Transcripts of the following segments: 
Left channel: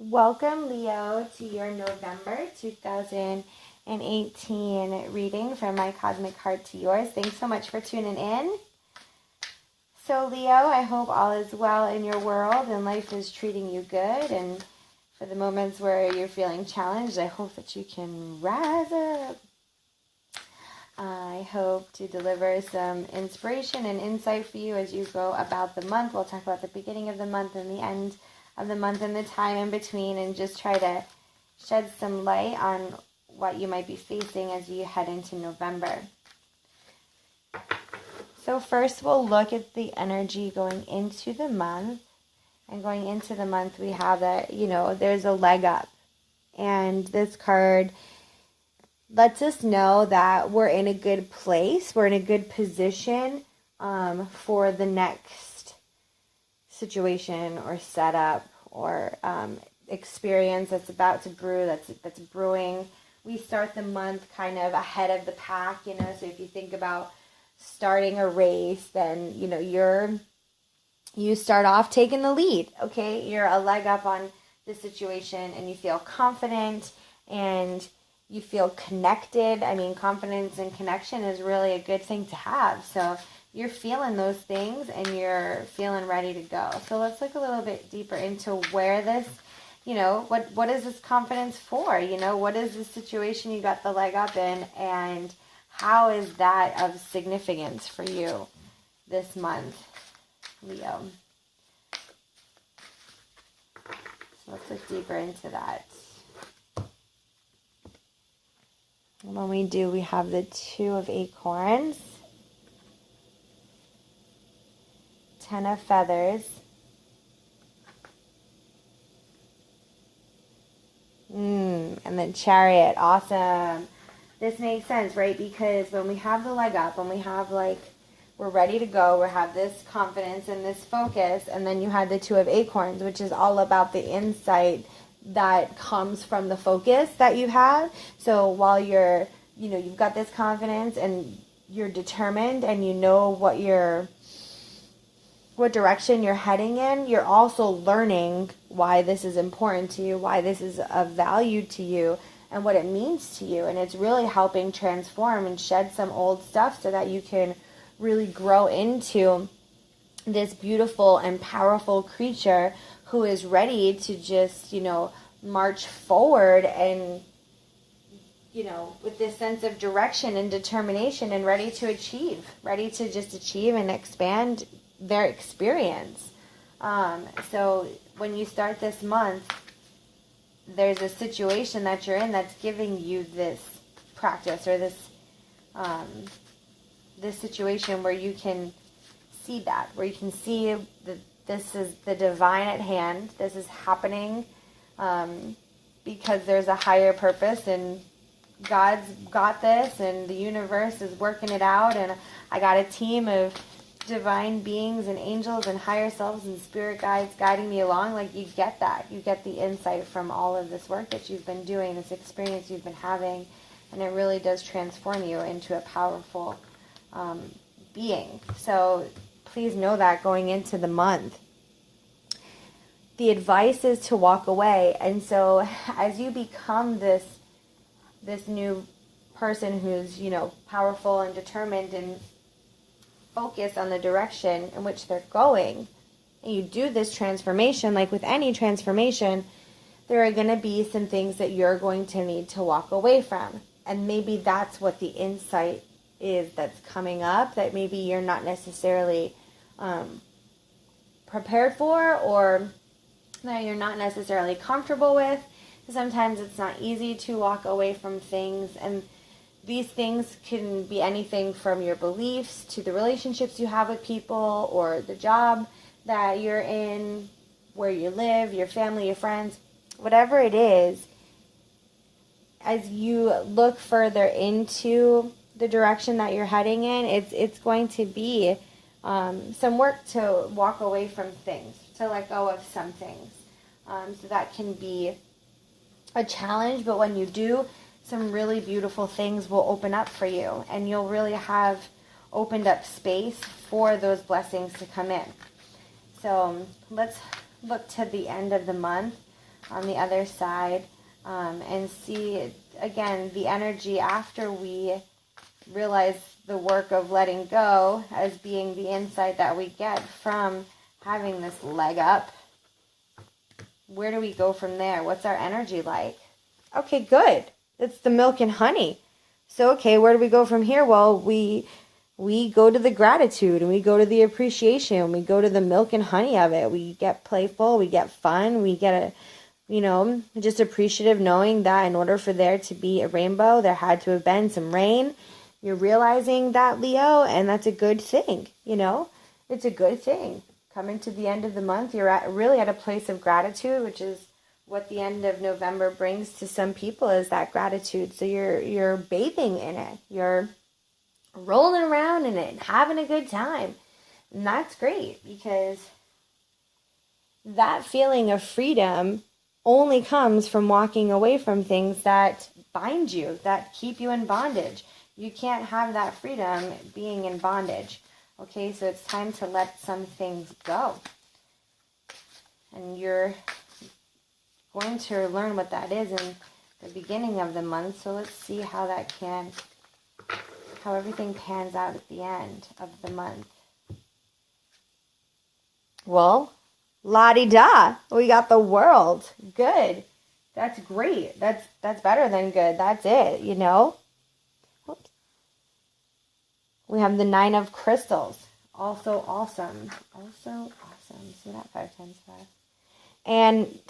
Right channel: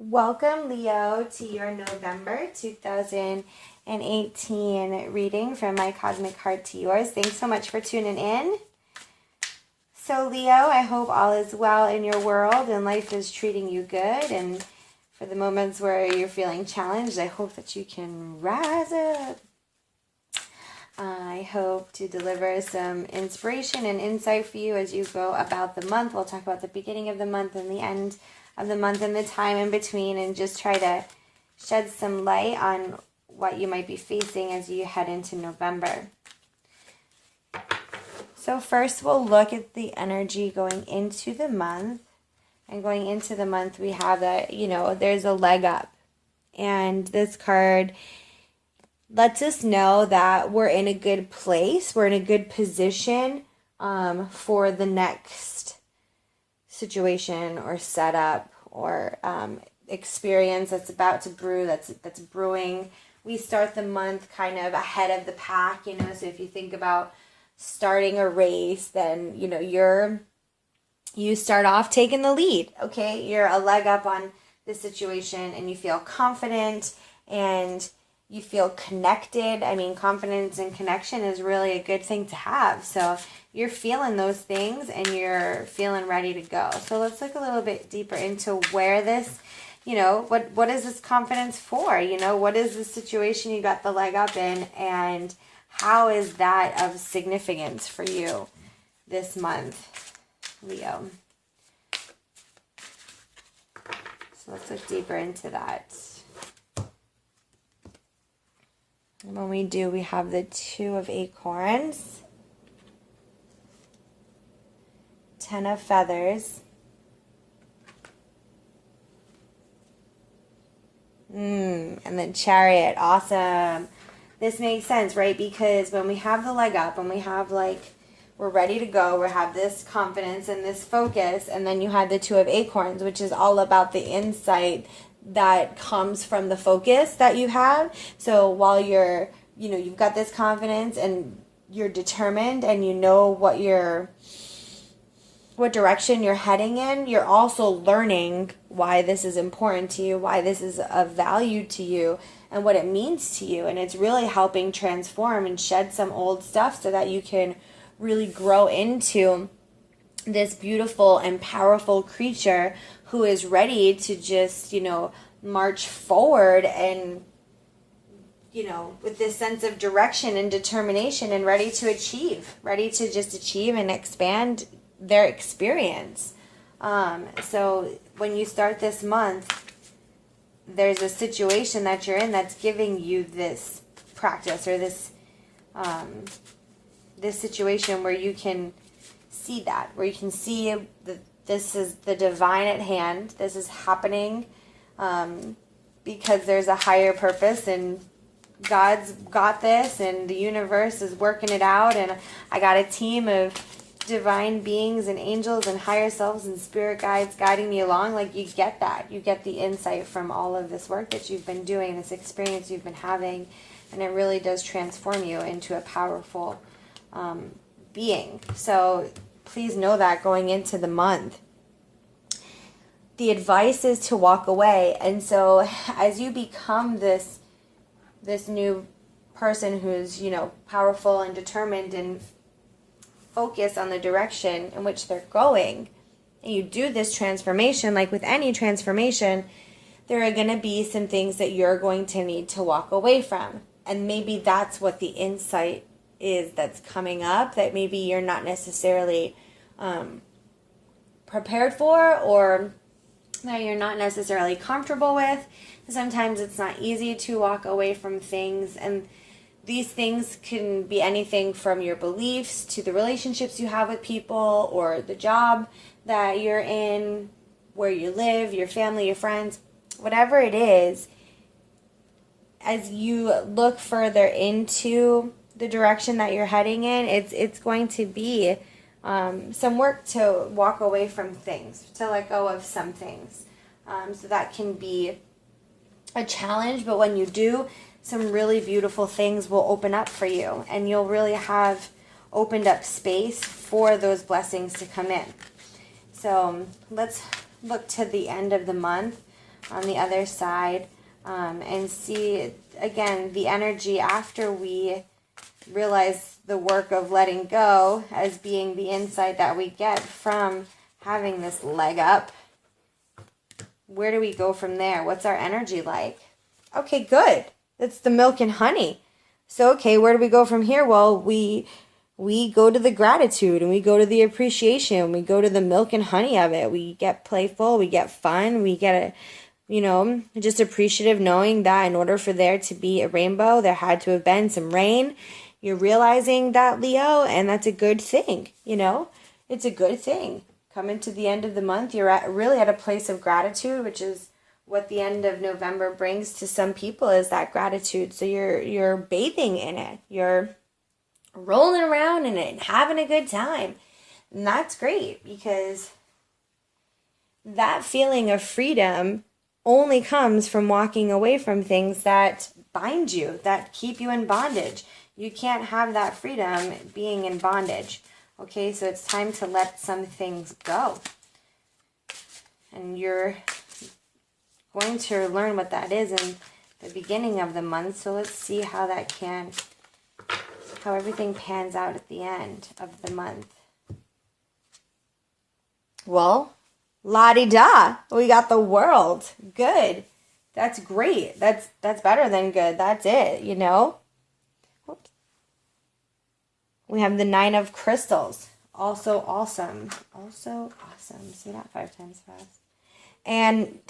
Welcome, Leo, to your November 2018 reading from My Cosmic Heart to yours. Thanks so much for tuning in. So, Leo, I hope all is well in your world and life is treating you good. And for the moments where you're feeling challenged, I hope that you can rise up. I hope to deliver some inspiration and insight for you as you go about the month. We'll talk about the beginning of the month and the end of the month and the time in between, and just try to shed some light on what you might be facing as you head into November. So first we'll look at the energy going into the month. And going into the month we have that, there's a leg up. And this card lets us know that we're in a good place, we're in a good position for the next situation or setup or experience that's about to brew, that's brewing. We start the month kind of ahead of the pack, so if you think about starting a race, then you start off taking the lead. Okay, you're a leg up on the situation and you feel confident and you feel connected. I mean, confidence and connection is really a good thing to have. So you're feeling those things and you're feeling ready to go. So let's look a little bit deeper into where this, what is this confidence for? What is the situation you got the leg up in, and how is that of significance for you this month, Leo? So let's look deeper into that. And when we do, we have the 2 of Acorns, 10 of Feathers, and then Chariot. Awesome. This makes sense, right? Because when we have the leg up, when we have we're ready to go, we have this confidence and this focus, and then you have the 2 of Acorns, which is all about the insight that comes from the focus that you have. So while you're, you've got this confidence and you're determined and you know what direction you're heading in, you're also learning why this is important to you, why this is of value to you, and what it means to you. And it's really helping transform and shed some old stuff so that you can really grow into this beautiful and powerful creature who is ready to just, march forward and, with this sense of direction and determination and ready to just achieve and expand their experience. So when you start this month, there's a situation that you're in that's giving you this practice or this situation where you can see that, where you can see that this is the divine at hand. This is happening because there's a higher purpose, and God's got this, and the universe is working it out, and I got a team of divine beings and angels and higher selves and spirit guides guiding me along. You get that. You get the insight from all of this work that you've been doing, this experience you've been having, and it really does transform you into a powerful being. So please know that going into the month. The advice is to walk away. And so as you become this new person who's, powerful and determined and focused on the direction in which they're going, and you do this transformation, like with any transformation, there are going to be some things that you're going to need to walk away from. And maybe that's what the insight is that's coming up, that maybe you're not necessarily prepared for, or that you're not necessarily comfortable with. Sometimes it's not easy to walk away from things, and these things can be anything from your beliefs to the relationships you have with people, or the job that you're in, where you live, your family, your friends, whatever it is. As you look further into the direction that you're heading in, it's going to be some work to walk away from things, to let go of some things. So that can be a challenge, but when you do, some really beautiful things will open up for you, and you'll really have opened up space for those blessings to come in. So let's look to the end of the month. on the other side, and see, again, the energy after we realize the work of letting go as being the insight that we get from having this leg up. Where do we go from there? What's our energy like? Okay, good. It's the milk and honey. So, okay, where do we go from here? Well, we go to the gratitude, and we go to the appreciation. We go to the milk and honey of it. We get playful. We get fun. We get just appreciative, knowing that in order for there to be a rainbow, there had to have been some rain. You're realizing that, Leo, and that's a good thing, It's a good thing. Coming to the end of the month, you're really at a place of gratitude, which is what the end of November brings to some people, is that gratitude. So you're bathing in it. You're rolling around in it and having a good time. And that's great, because that feeling of freedom only comes from walking away from things that bind you, that keep you in bondage. You can't have that freedom being in bondage. Okay, so it's time to let some things go. And you're going to learn what that is in the beginning of the month. So let's see how everything pans out at the end of the month. Well, la-di-da, we got the World. Good. That's great. That's better than good. That's it, Oops. We have the 9 of Crystals. Also awesome. Also awesome. Say that 5 times fast. And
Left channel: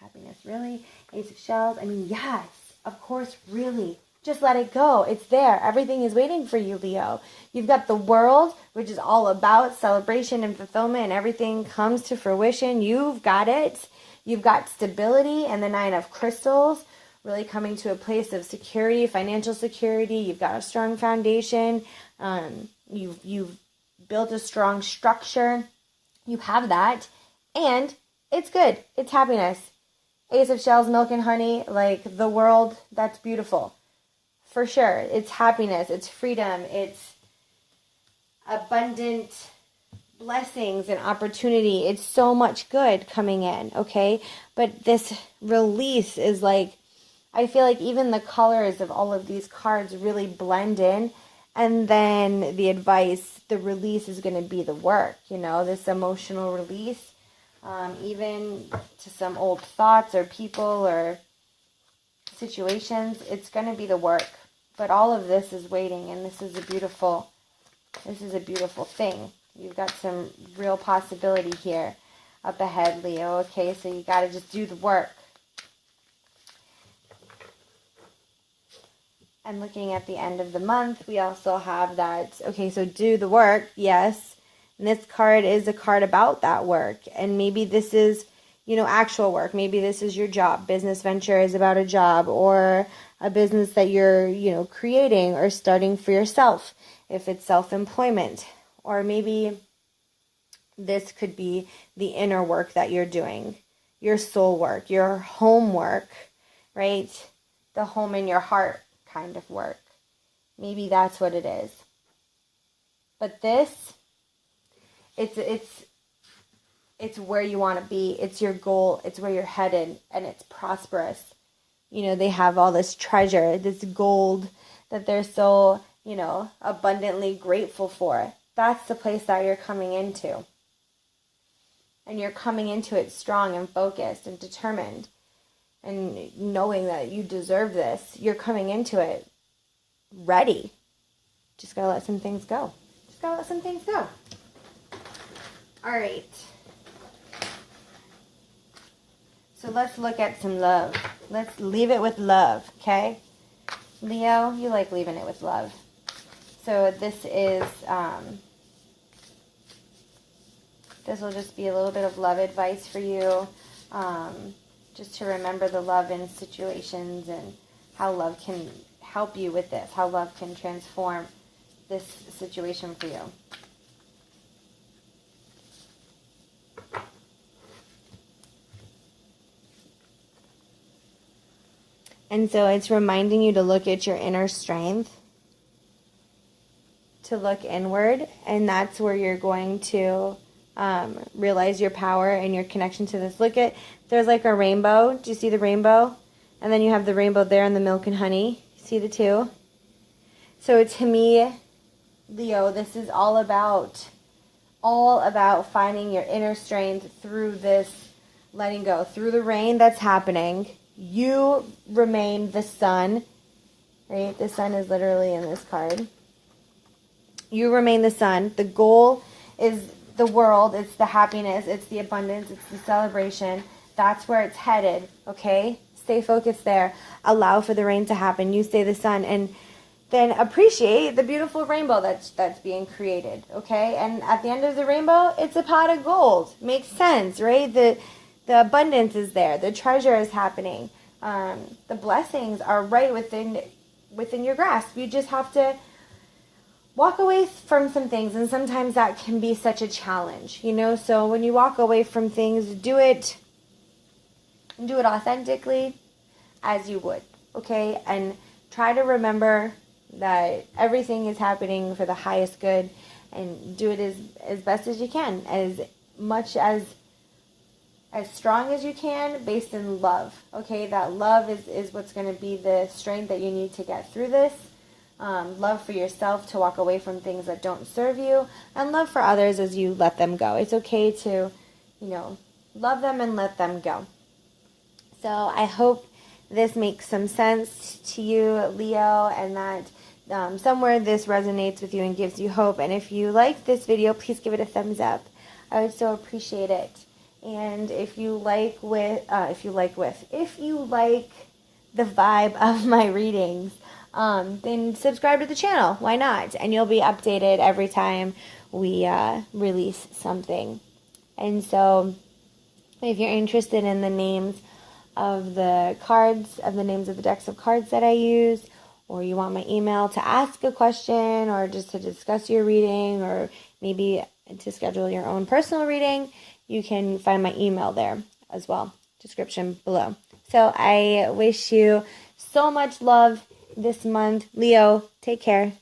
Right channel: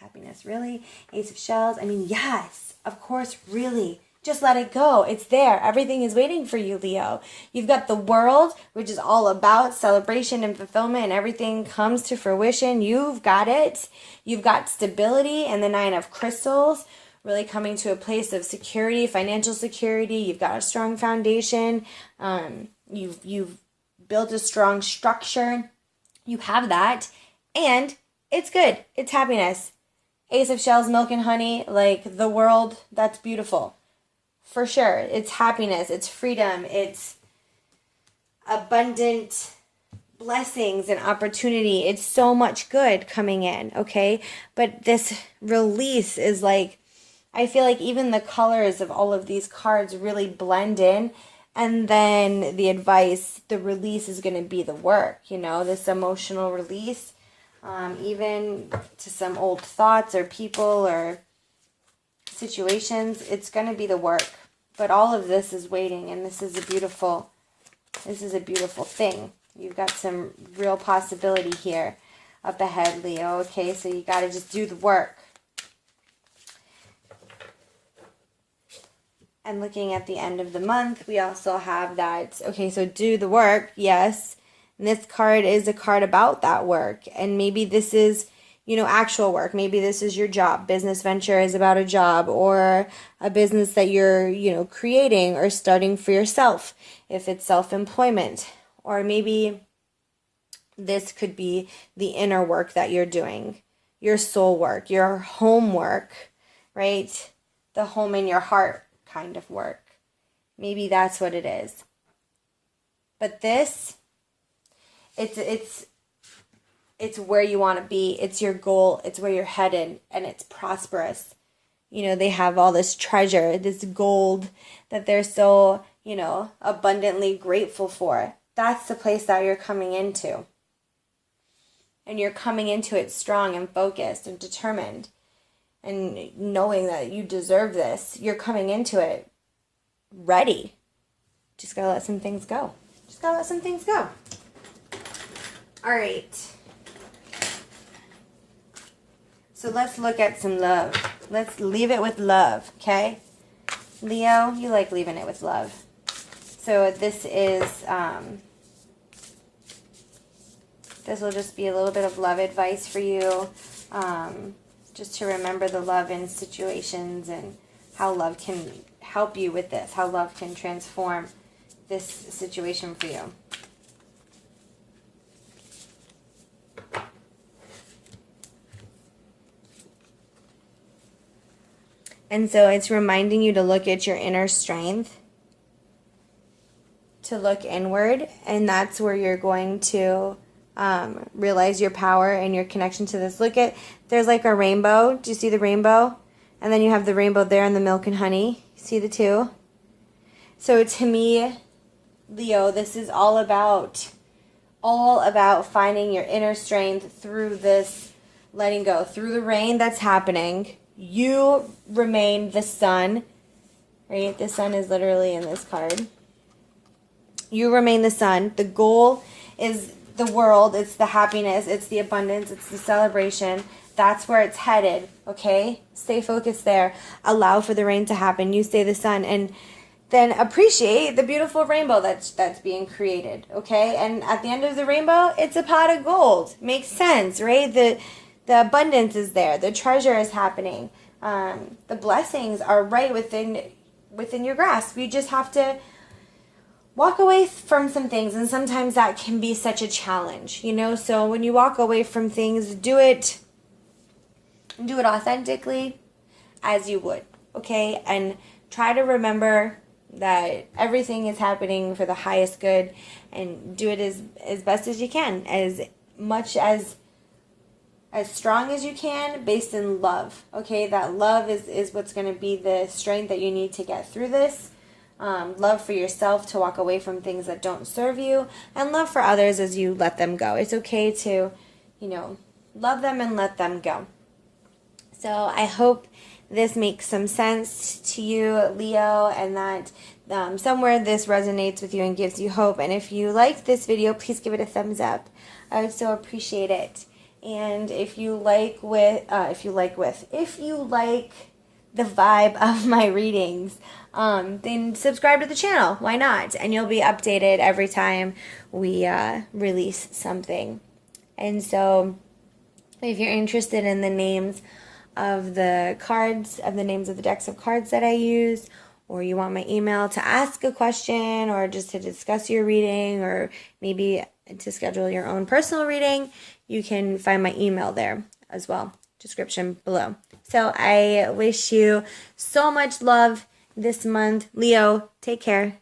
happiness, really? Ace of Shells. I mean, yes, of course, really. Just let it go. It's there. Everything is waiting for you, Leo. You've got the World, which is all about celebration and fulfillment, and everything comes to fruition. You've got it. You've got stability, and the 9 of Crystals, really coming to a place of security, financial security. You've got a strong foundation. You've built a strong structure. You have that, and it's good. It's happiness. Ace of Shells, milk and honey, like the World. That's beautiful. For sure. It's happiness. It's freedom. It's abundant blessings and opportunity. It's so much good coming in, okay? But this release is like, I feel like even the colors of all of these cards really blend in. And then the advice, the release is going to be the work, this emotional release. Even to some old thoughts or people or situations, it's going to be the work. But all of this is waiting, and this is a beautiful thing. You've got some real possibility here up ahead, Leo. Okay, so you got to just do the work. And looking at the end of the month, we also have that, okay, so do the work, yes. And this card is a card about that work. And maybe this is, actual work. Maybe this is your job. Business venture is about a job or a business that you're, creating or starting for yourself, if it's self-employment. Or maybe this could be the inner work that you're doing, your soul work, your home work, right? The home in your heart kind of work. Maybe that's what it is. But this, it's where you want to be. It's your goal. It's where you're headed, and it's prosperous. They have all this treasure, this gold that they're so, abundantly grateful for. That's the place that you're coming into. And you're coming into it strong and focused and determined. And knowing that you deserve this. You're coming into it ready. Just gotta let some things go. All right. So let's look at some love. Let's leave it with love, okay? Leo, you like leaving it with love. So this is, this will just be a little bit of love advice for you. Just to remember the love in situations and how love can help you with this. How love can transform this situation for you. And so it's reminding you to look at your inner strength, to look inward, and that's where you're going to realize your power and your connection to this. Look at, there's like a rainbow. Do you see the rainbow? And then you have the rainbow there in the milk and honey. See the two? So to me, Leo, this is all about finding your inner strength through this letting go. Through the rain that's happening, you remain the sun, right? The sun is literally in this card. You remain the sun. The goal is the world. It's the happiness. It's the abundance. It's the celebration. That's where it's headed, okay? Stay focused there. Allow for the rain to happen. You stay the sun, and then appreciate the beautiful rainbow that's being created, okay? And at the end of the rainbow, it's a pot of gold. Makes sense, right? The abundance is there. The treasure is happening. The blessings are right within your grasp. You just have to walk away from some things, and sometimes that can be such a challenge, you know? So when you walk away from things, do it authentically as you would, okay? And try to remember that everything is happening for the highest good, and do it as best as you can, as much as strong as you can, based in love, okay? That love is what's going to be the strength that you need to get through this. Love for yourself to walk away from things that don't serve you, and love for others as you let them go. It's okay to, love them and let them go. So I hope this makes some sense to you, Leo, and that somewhere this resonates with you and gives you hope. And if you liked this video, please give it a thumbs up. I would so appreciate it. And if you like the vibe of my readings, then subscribe to the channel. Why not? And you'll be updated every time we release something. And so if you're interested in the names of the cards, of the names of the decks of cards that I use, or you want my email to ask a question, or just to discuss your reading, or maybe to schedule your own personal reading, you can find my email there as well, description below. So I wish you so much love this month. Leo, take care.